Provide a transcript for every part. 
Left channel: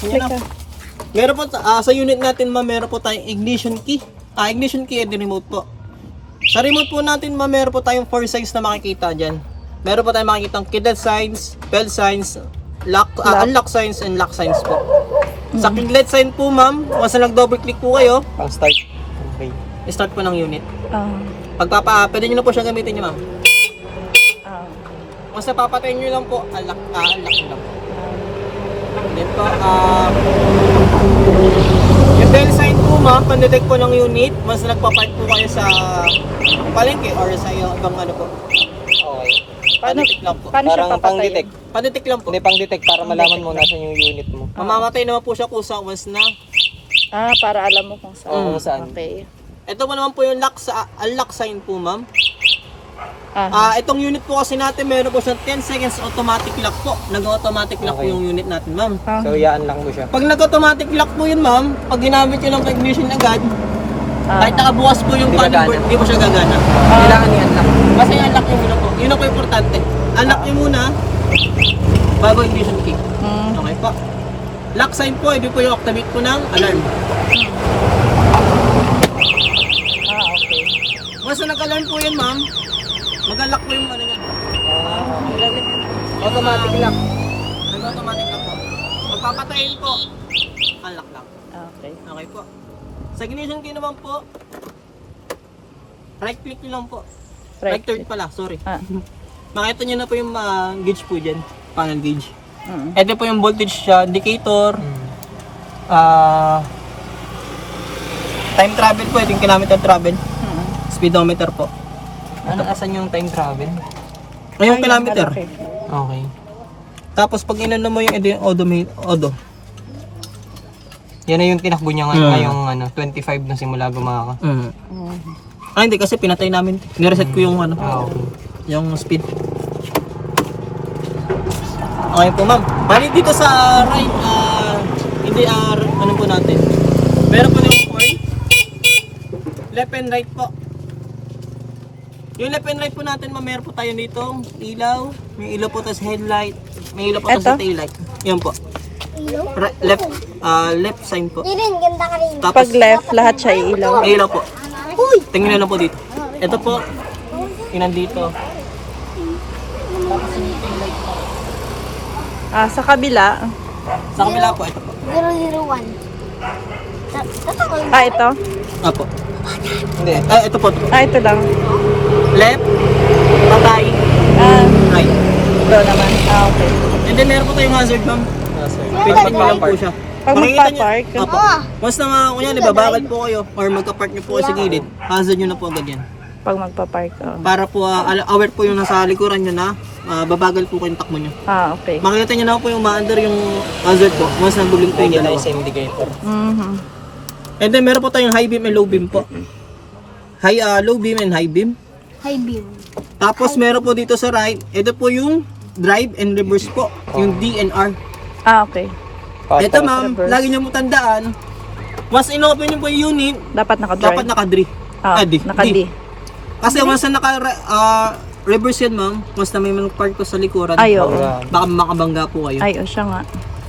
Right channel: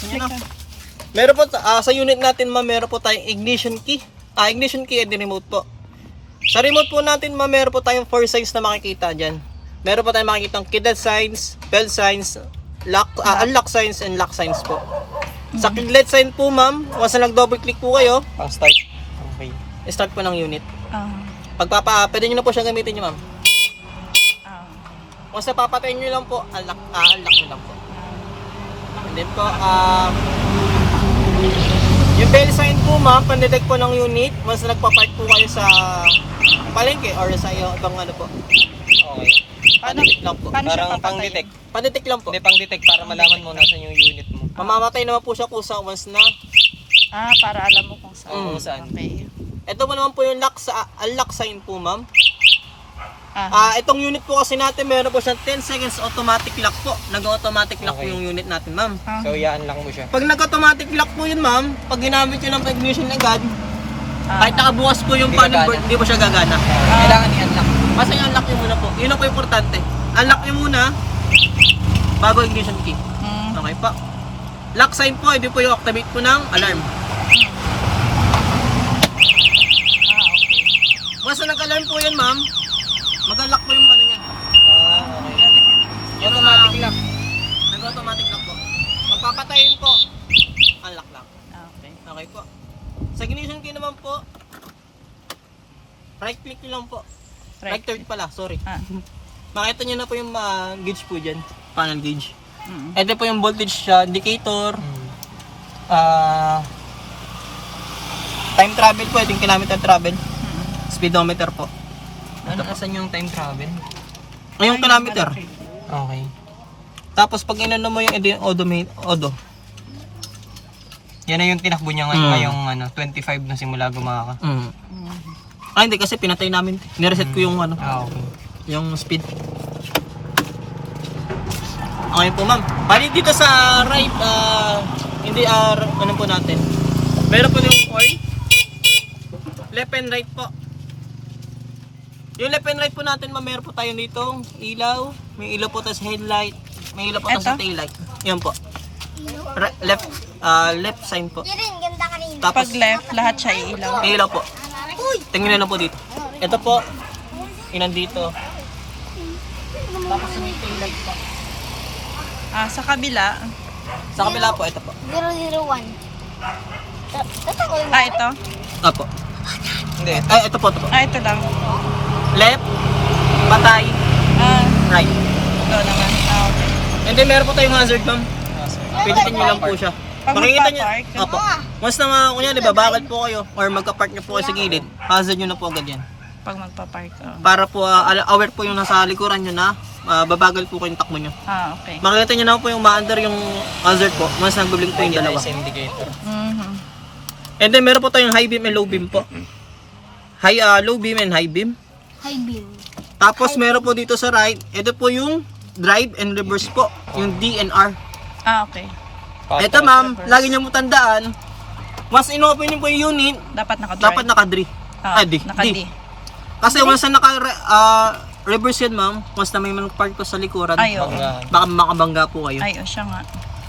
sa inyo na. Meron po, sa unit natin ma'am, meron po tayong ignition key. Ignition key and remote po. Sa remote po natin ma'am, meron po tayong 4 signs na makikita dyan. Meron po tayong makikita kidnap signs, bell signs, unlock signs, and lock signs po. Sa kidlet sign po ma'am, once na nag-double click po kayo, start. Okay. Start po ng unit. Pwede nyo na po siyang gamitin nyo ma'am. Once na papatayin nyo lang po, unlock nyo lang po. And then po, yung bell sign po ma'am, pan-detect po ng unit, once na nagpapark po kayo sa palengke or sa ibang ano po. Okay. Paano siya papatayin? Pan-detect lang po. Hindi, pang-detect para malaman mo nasa yung unit mo. Mamamatay naman po siya kung sa once na. Para alam mo kung saan. Saan. Okay. Ito po naman po yung unlock sign po ma'am. Itong unit po kasi natin, meron po siyang 10 seconds automatic lock po. Nag-automatic lock po yung unit natin ma'am. So, iyaan lang mo siya. Pag nag-automatic lock po yun ma'am, pag ginamit nyo ng ignition agad, kahit nakabukas po yung panel board, hindi po siya gagana. Kailangan i-unlock. Kasi unlock nyo muna po. Yun ang po importante. Unlock nyo muna bago ignition key. Okay po. Lock sign po, hindi po yung activate po ng alarm. Okay. Once na nag-alarm po yun ma'am, mag-unlock po yung ano yan. Automatic lock. Nag-automatic lock po. Magpapatayin po, unlock lock. Okay. Okay po. Sa ignition key naman po, right click nyo lang po. Right turn pala, sorry. Makita nyo na po yung gauge po dyan, panel gauge. Ito po yung voltage indicator. Time travel po, ito yung kilometer travel. Speedometer po. Ano, asan yung time travel? Ay, yung kilometer. Okay. Tapos pag inano mo yung odo. Yan na yung tinakbo niya ngayon, ngayong 25 na simula gumaka. Hindi kasi pinatay namin. Nireset ko yung Okay. yung speed. Okay po ma'am. Bali dito sa right, hindi ano po natin. Meron po ng horn. Left and right po. Yung left and right po natin ma'am, meron po tayo dito ilaw. May ilaw po tayo sa headlight. May ilaw po tayo sa taillight. Yan po. Left sign po. Ganda ka rin. Tapos, Pag left, lahat siya iilaw. may ilaw po. Tingnan na po dito. Ito po, yun nandito. Tapos yung taillight po. Sa kabila. Sa kabila po, ito po. 001. Ito? Apo. Hindi. Ito po. Ito lang. Left, patay, right. Ito naman. Okay. And then meron po tayong hazard ma'am. Pinipin nyo lang po siya. Pag Makikita nyo- magpa-park? Opo. Once na kunyari, babagal po kayo or magka-park nyo po kayo sa gilid, hazard nyo na po agad yan. Pag magpa-park. Para po aware po yung nasa likuran nyo na babagal po kayong takbo nyo. Okay. Makikita nyo na po yung ma-under yung hazard po once nag-blink po yung dalawa. indicator. And then meron po tayong high beam and low beam po. Low beam and high beam. High beam. Tapos meron po dito sa right, ito po yung drive and reverse po, yung D and R. Okay. Ito ma'am, reverse. lagi niyo mo tandaan, once in-open niyo po yung unit, Dapat naka-drive. dapat naka-D. Naka-D. Kasi once na naka-reverse yan ma'am, once na may mag-park ko sa likuran, Ay, oo. baka makabangga po kayo. Ay, siya nga.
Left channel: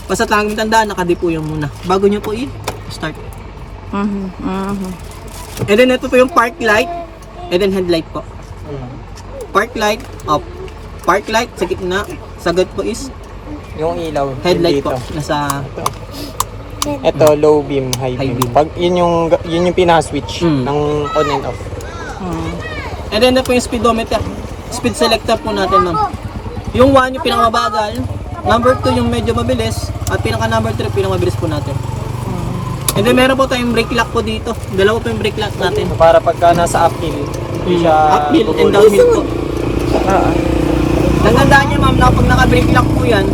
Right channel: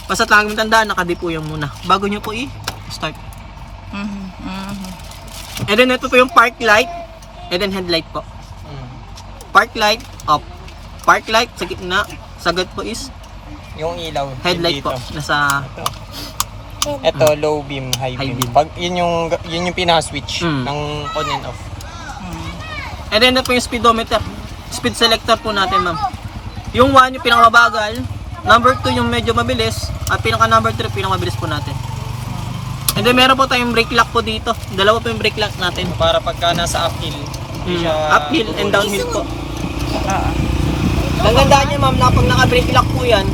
Basta lagi mo tandaan, naka-D po yung muna. Bago niyo po i-start. And then ito po yung park light, and then headlight po. Park light, off. Park light, sa gitna. Sagad po is Yung ilaw. headlight dito. po. Nasa Ito, low beam, high High beam. beam. Pag yun yung pinaka-switch Mm. ng on and off. And then ito po yung speedometer. Speed selector po natin ma'am. Yung 1 yung pinakamabagal. Number 2 yung medyo mabilis. At pinaka number 3 pinakamabilis po natin. And then meron po tayong brake lock po dito. Dalawa po yung brake lock natin. Para pagka nasa uphill, hindi siya Uphill and bubulong. downhill po. Nagandaan niya ma'am na pag naka-brake lock po yan,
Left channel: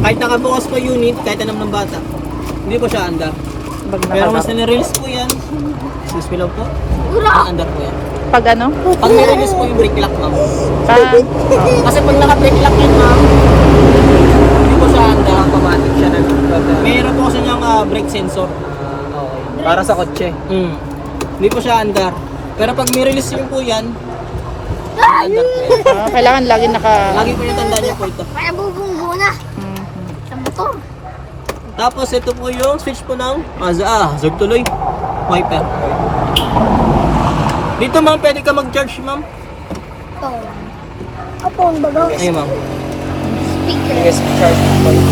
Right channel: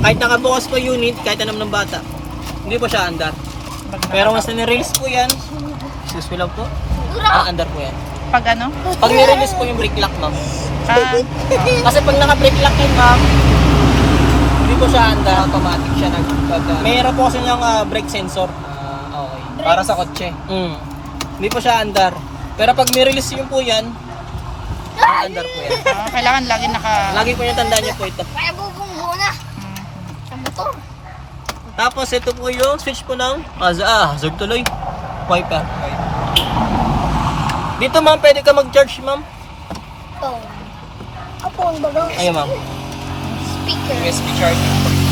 kahit nakabukas po unit, kahit alam ng bata, hindi po siya andar. Pero once na ni-release po yan, excuse me lang po, andar po yan. Pag ano? Pag ni-release po yung brake lock ma'am. Ah, Kasi pag naka-brake lock yun ma'am, hindi po siya andar, automatic siya na. Mayroon po kasi niyang brake sensor. Para sa kotse. Hindi po siya andar. Pero pag ni-release yun po yan, andar po yan. kailangan lagi naka... Lagi po yung tandaan niyo po ito. Para bubunggo na. Sa motor. Tapos ito po yung switch po ng hazard tuloy. Wiper. Dito ma'am, pwede ka mag-charge ma'am. Ito. Apo, ang bagang Ayun ma'am. speaker. USB charging point.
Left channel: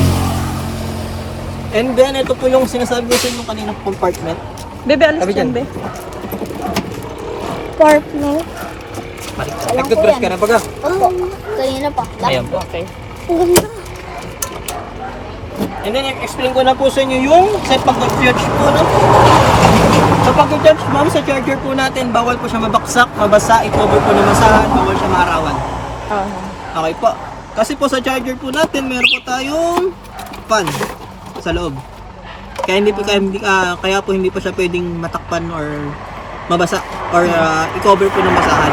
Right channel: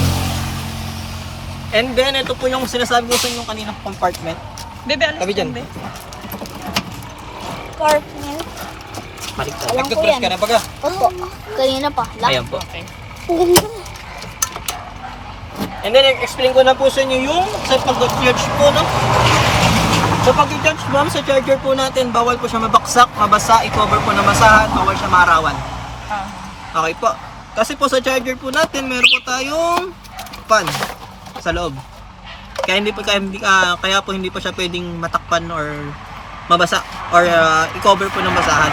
And then ito po yung sinasabi ko sa inyo kanina compartment. Bebe, alis Sabi dyan, dyan. be. Partner. Nag-toothbrush ka na baga? Oh, kanina pa. Ayan po. Okay. Ang ganda. And then explain ko na po sa inyo yung sa pag-charge po, no? Sa pag-charge ma'am, sa charger po natin, bawal po siya mabaksak, mabasa, i-cover po ng masahan, bawal siya maarawan. Okay po. Kasi po sa charger po natin, meron po tayong fan sa loob. Kaya hindi po kaya po hindi po siya pwedeng matakpan or mabasa or i-cover po ng masahan.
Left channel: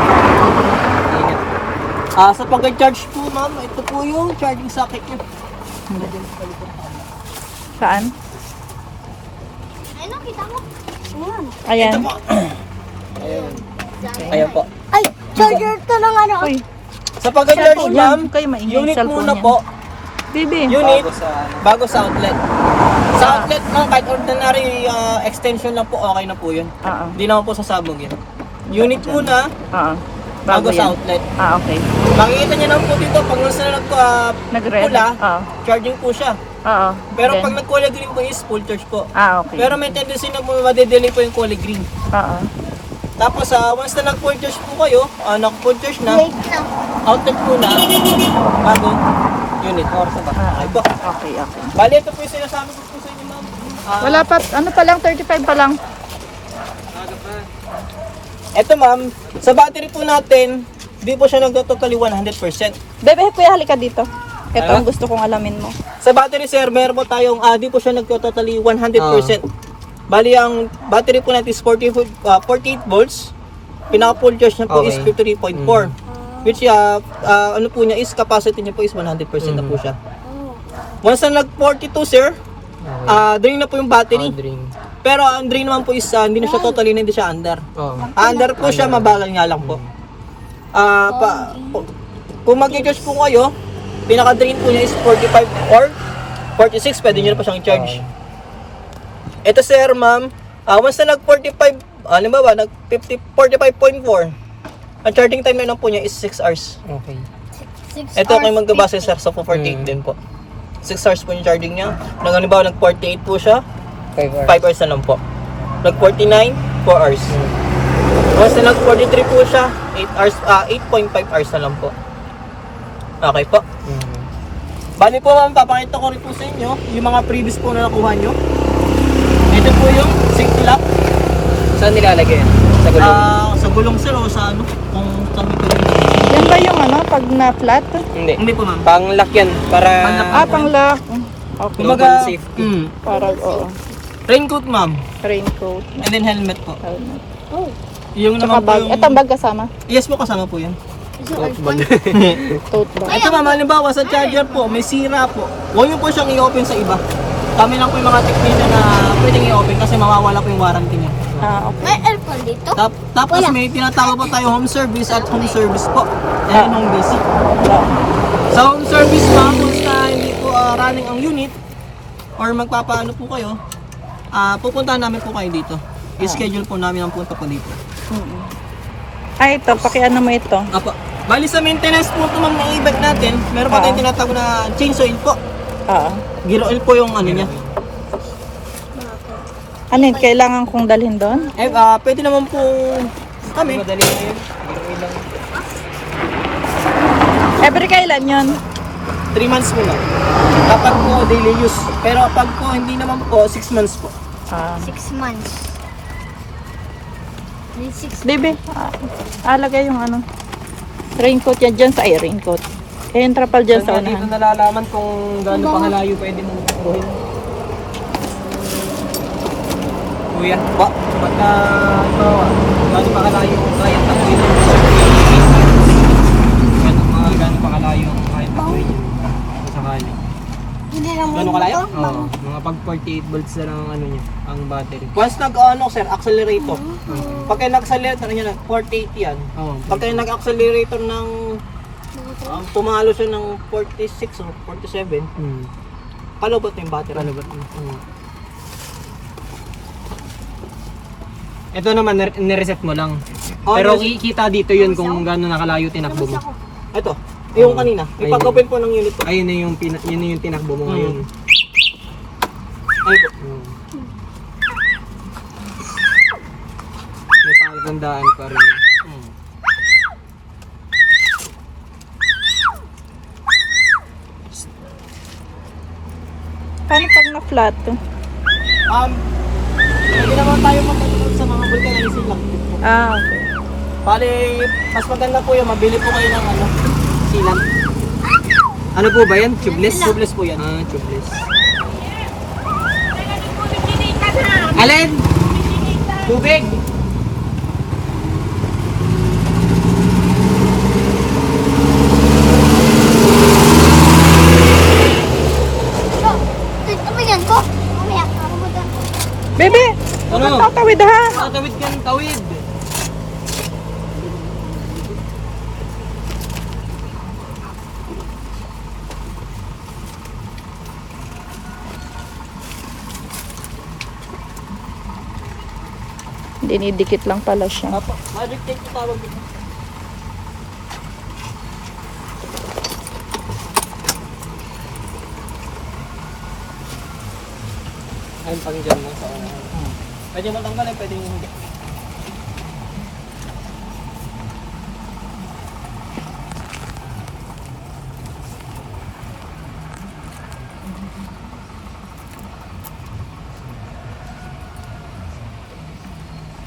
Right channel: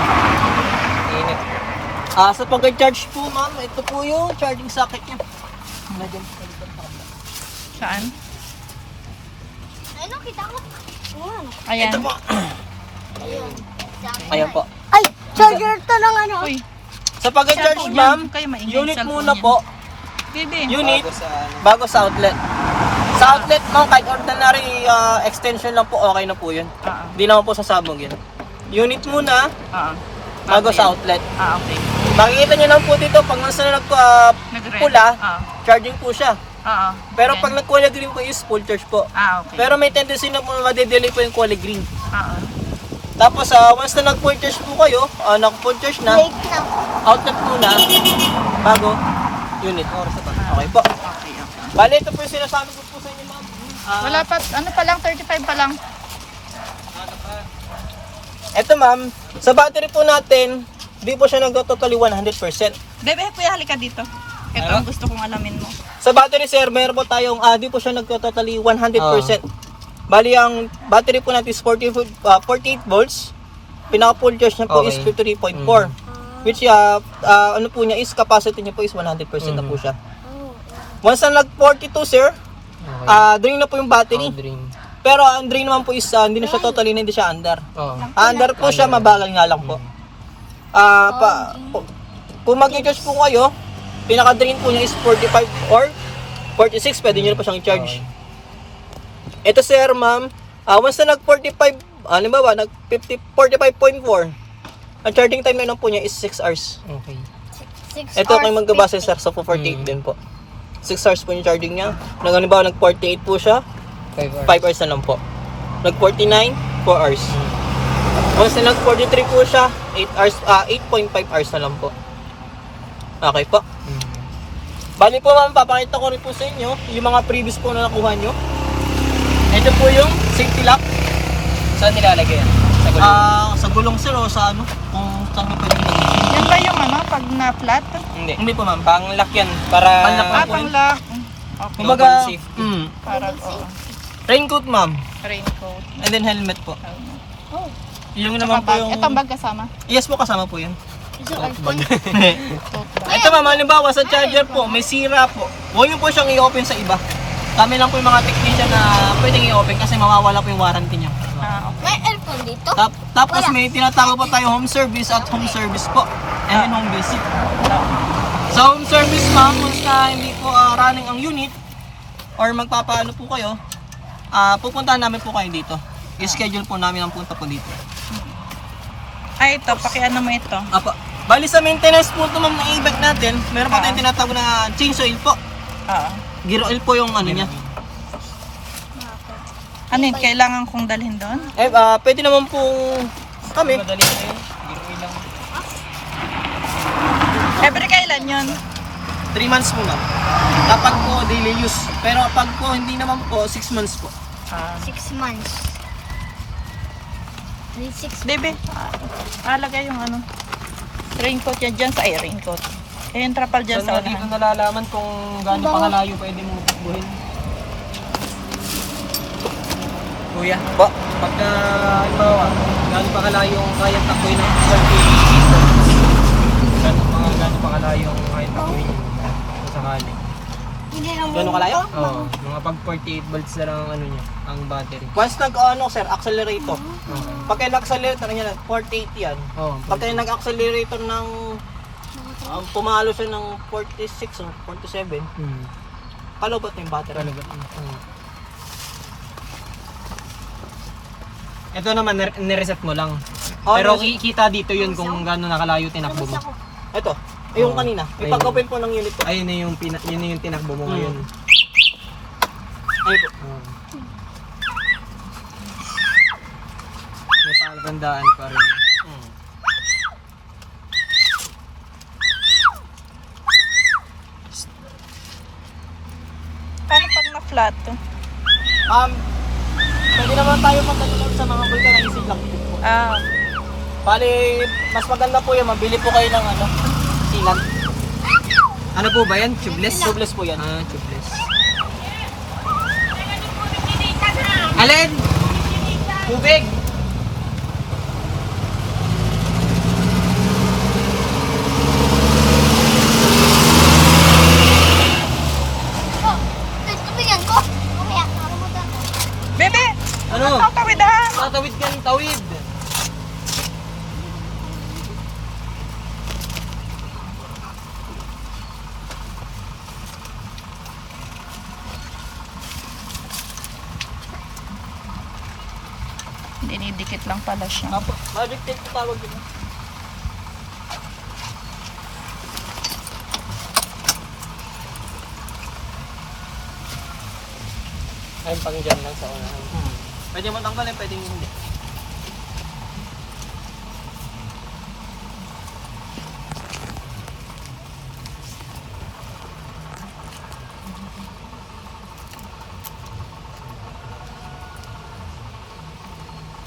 Sa pag-charge po ma'am, ito po yung charging socket niya. Saan? Ano, kita mo? Ayan. Ayan. Ito po. Ayan po. Ay, charger to ng ano. Uy, Sa pag-charge Cellphone ma'am, yan. Kayo maingay, unit cellphone muna yan. po. Bebe. Unit Bago sa bago sa outlet. Sa outlet ma'am, kahit ordinary extension lang po, okay na po yun. Hindi naman po sasabog yun. Unit muna, bago sa yan. outlet. Okay. Makikita niyo lang po dito, pag nasa Nag-red. pula, Oo. charging po siya. Oo. Pero Then, pag nag-color green po is full charge po. okay. Pero may tendency na po madedelay po yung color green. Oo. Tapos once na nag-full charge po kayo, nag-full charge na, Late na. outlet po na, bago unit. Okay po. Okay, okay. Bale, ito po yung sinasabi ko po sa inyo ma'am. Wala pa, ano pa lang, 35 pa lang. Ito ma'am, sa battery po natin, di po siya nag-totally 100%. Bebe, kuya, halika dito. Ito ang gusto kong alamin mo. Sa battery sir, meron po tayong, di po siya nag-totally 100%. Bali, ang battery po natin is 48 volts. Pinaka-full charge niya po is Okay. 53.4. Which, ano po niya is, capacity niya po is 100% na po siya. Once na nag-42 sir, drain na po yung battery. drain. Pero ang drain naman po is, hindi na siya totally, hindi siya under. Oo. Under po siya, mabagal nga lang po. Kung mag-charge po kayo, pinaka-drain po niya is 45 or 46, pwede nyo na po siyang i-charge. Okay. Ito sir, ma'am, once na nag-45, halimbawa, nag-45.4, ang charging time na po niya is 6 hours. Okay. 6 Ito kayo magbabase sir sa 48 din po. 6 hours po yung charging niya. Halimbawa, nag-48 po siya, 5 hours. 5 hours na lang po. Nag-49, 4 hours. Once na nag-43 po siya, 8 hours, 8.5 hours na lang po. Okay po. Bali po ma'am, papakita ko rin po sa inyo yung mga previous po na nakuha nyo. Ito po yung safety lock. Saan nilalagay? Sa gulong? Sa gulong sir o sa ano, kung saan nyo pwede nilagay. Yan ba yung ano, pag na-flat? Hindi. Hindi po ma'am. Pang-lock yan. Para... Pang-lock. Okay. Kumbaga, safety. Para, oo. Raincoat ma'am. Raincoat. And then helmet po. Helmet. Yung Tsaka naman po bag. yung... Ito ang bag kasama. Yes po, kasama po yan. Tote bag. Ito ma'am, halimbawa sa charger po, may sira po. Huwag nyo po siyang i-open sa iba. Kami lang po yung mga technician na pwedeng i-open kasi mawawala po yung warranty niya. Okay. May aircon dito? Tapos may tinatawag po tayo home service at home service po. And home visit. Sa home service ma'am, kung hindi po running ang unit or magpapaano po kayo, pupuntahan namin po kayo dito. I-schedule po namin ang punta po dito. Ay, ito. Pakiano mo ito. Apo. Bali sa maintenance po ito ma'am na i-bike natin, meron pa tayong tinatawag na change oil po. Oo. Gear oil po yung ano niya. Ano yun? Kailangan kong dalhin doon? Pwede naman pong kami. Madali na yun. Ginoy lang. Every kailan yun? 3 months po ma'am. Kapag po daily use. Pero pag po hindi naman po, 6 months po. 6 months. 6 Bebe, alagay yung ano. Raincoat yan dyan sa raincoat. Eh, yung trapal dyan sa Saan dito unahan. nalalaman kung gaano pa kalayo pwede mo turuhin? Kuya, pagka ito, gaano pa kalayo kaya tapoy ng 48? Gaano pa kalayo kaya tapoy sakali? Hindi lang Gano'ng kalayo? Oo, mga pag 48 volts na lang ang ano niya, ang battery. Once sir, accelerator. Pagka nag-accelerator niya, 48 yan. Oo. Pagka nag-accelerator ng pumalo siya ng 46 or 47, Palobot na yung battery. Palobot na. Ito naman, nireset mo lang. Oh, Pero nireset. kikita dito yun kung gaano nakalayo tinakbo mo. Ito, yung kanina. Ayun. Ipag-open po ng unit po. Ayun na yung, yun na yung tinakbo mo ngayon. Ay po. May palatandaan pa rin. Paano pag na-flat to? Hindi naman tayo mapunod sa mga vulcanizing lang. Ah, Bali, mas maganda po yung mabili po kayo ng ano, sealant. Ano po ba yan? Tubeless? Tubeless po yan. Ah, tubeless. Alin? Tubig! Oh, ito ba yan ko? Mamaya, ano mo doon? baby! Ano? Tatawid ha! Tatawid ka ng tawid. Dinidikit lang pala siya. Apo, magic tape po tawag dito. Ayun pang dyan lang sa unahan. Pwede mo tanggalin, pwede hindi.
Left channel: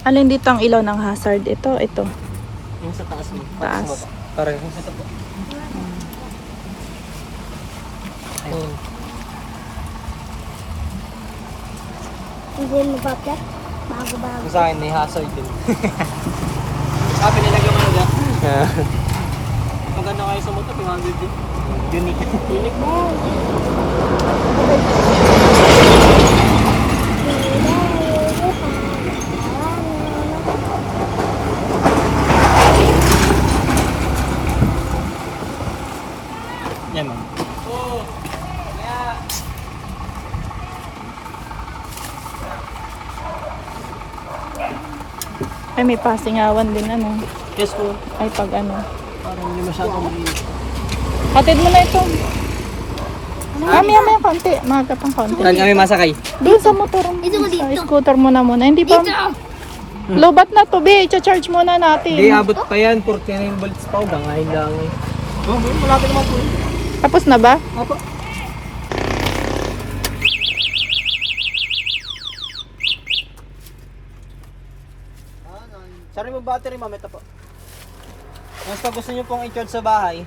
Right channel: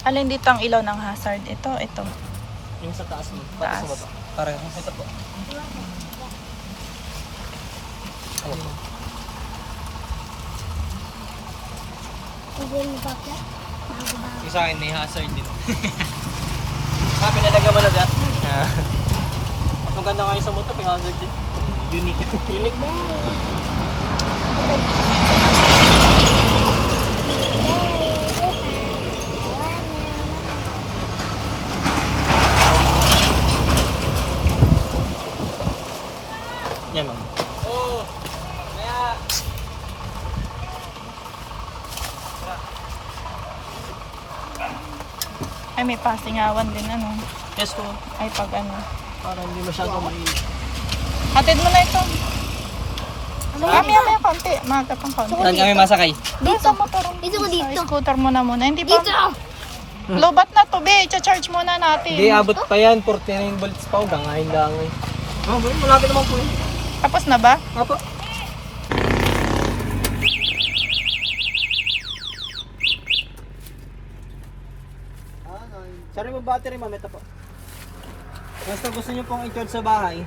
Alin dito ang ilaw ng hazard? Ito. Yung sa taas mo. Taas. Pareho. Ito po. Ayun. Hindi mo pa-flat? Bago-bago. Sa akin may hazard din. Pinalaga mo na dyan. Maganda kayo sa motor, 500 din. Unique. Unique. Yan ma'am. Ay, may pasingawan din ano. Yes po. Ay, pag ano. Parang hindi masyadong Hatid mo na ito. Maya, konti. Maga pang konti. Saan kami masakay? Doon sa motor mo. Dito mo, dito. Sa scooter mo na muna. Hindi pa. Dito! Lobat na to, be. I-charge muna natin. Hindi, abot pa yan. 49 volts pa. Hanggang ngayon lang. Oh, malapit naman po yun. Tapos na ba? Apo. Sorry mo battery ma'am, ito po. Basta gusto nyo pong i-charge sa bahay,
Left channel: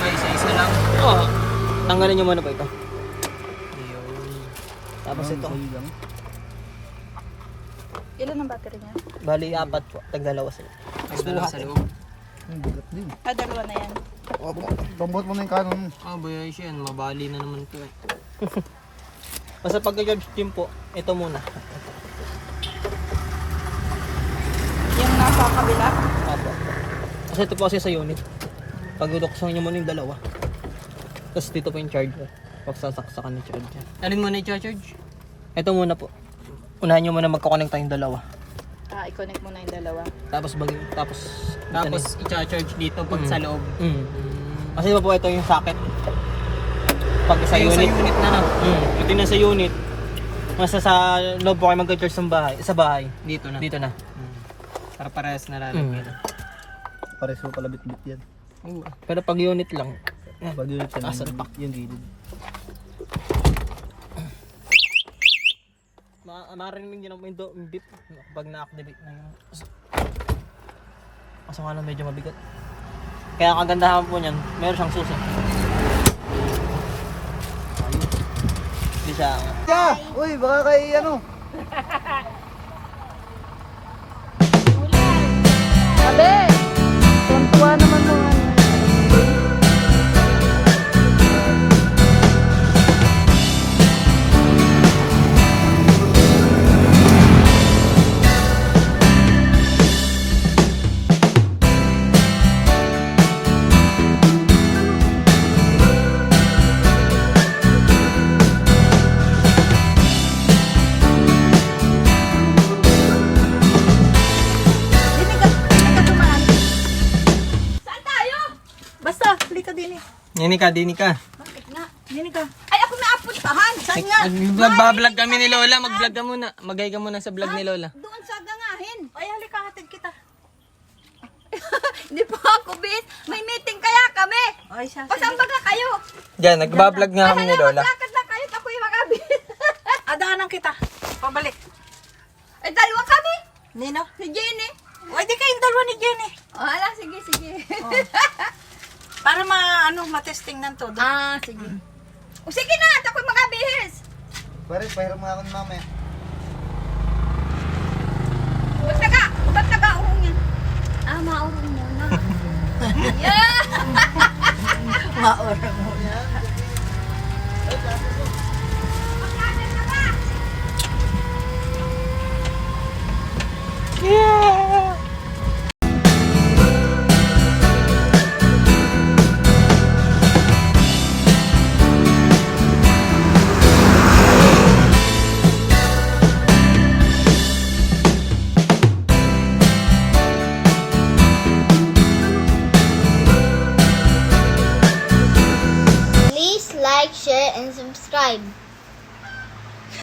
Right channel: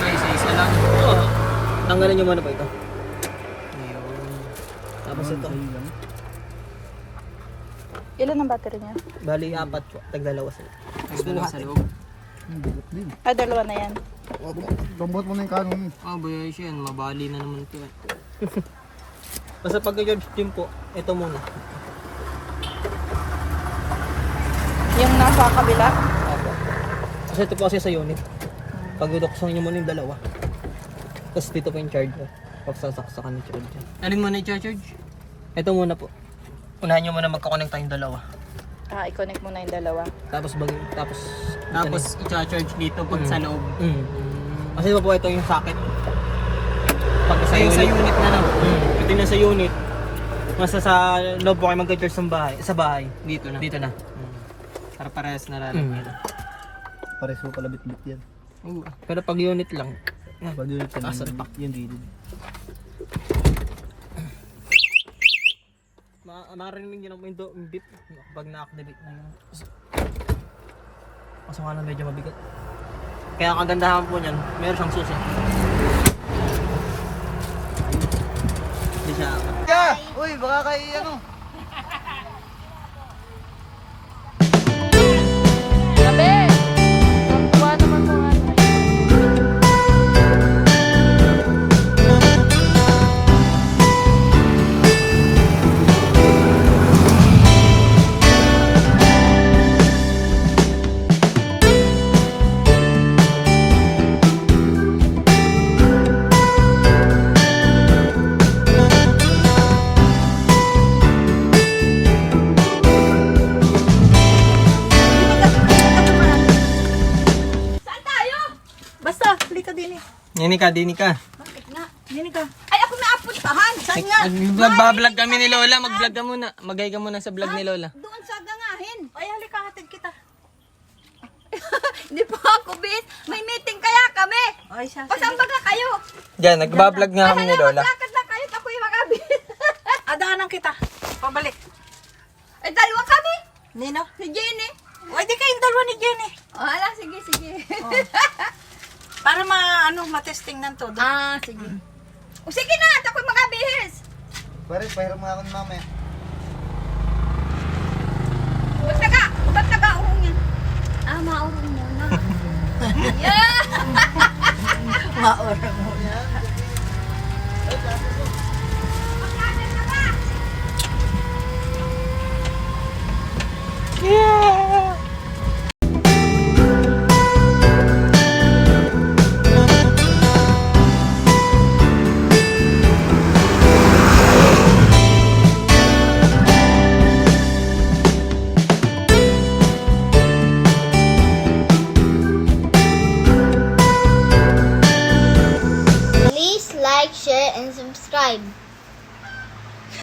Ay, isa-isa lang. tanggalin nyo muna po ito. Ayun. Tapos ito. Ilan ang battery niya? Bali, 4 po. Tagdalawa sila. Nagdala sa loob. Ah, dalawa na yan. Bambot mo na yung kanon. Ah, bayay siya yan. Mabali na naman ito eh. Basta pag i-charge din po, ito muna. Yung nasa kabila? Apo. Kasi ito po kasi sa unit. Pag duduksan nyo muna yung dalawa. Tapos dito po yung charger. Pag sasaksakan yung charger. Alin mo na i-charge? Ito muna po. Unahin nyo muna magkakonect yung dalawa. Ah, i-connect mo na yung dalawa. Tapos Tapos i-charge dito pag sa loob. Kasi po ito yung socket. Pag sa Sa'yo unit, sa unit na lang. Ito yung nasa unit. Nasa sa loob po kayo mag-charge ng bahay. Sa bahay. Dito na. Dito na. Para parehas na lalagyan. Pares mo pala bit-bit yan. Pero pag unit lang. Yan. Pag yun yan, Asal pack. yung gilid. Marinig nyo naman yung beep pag na-activate na yun. Kaso nga lang medyo mabigat. Kaya ang kagandahan po niyan, meron siyang susi. Hindi siya. Uy, baka kay ano? Dini ka. Bakit nga? Dini ka. Ay, ako naapuntahan. Saan nga? Magbablog kami ni Lola. Mag-vlog ka muna. Magay ka muna sa vlog ni Lola. Doon sa gangahin. Ay, halika, hatid kita. Hindi po ako, bis. May meeting kaya kami. Ay, siya. Pasang baga kayo. Diyan, nagbablog nga kami ni Lola. Maglakad na kayo. Ako yung makabis. Adaanan kita. Pabalik. Ay, dalawa kami. Nino? Si Jenny. Ay, di kayong dalawa ni Jenny. Oh, ala, sige, sige. Para matesting ng todo. Sige. O, sige na. At ako'y makabihis. Pare, pahiram nga ako ng mamaya. Ba't nag-aurong yan? Maurong muna. Yeah! Maura mo. Please like, share, and subscribe.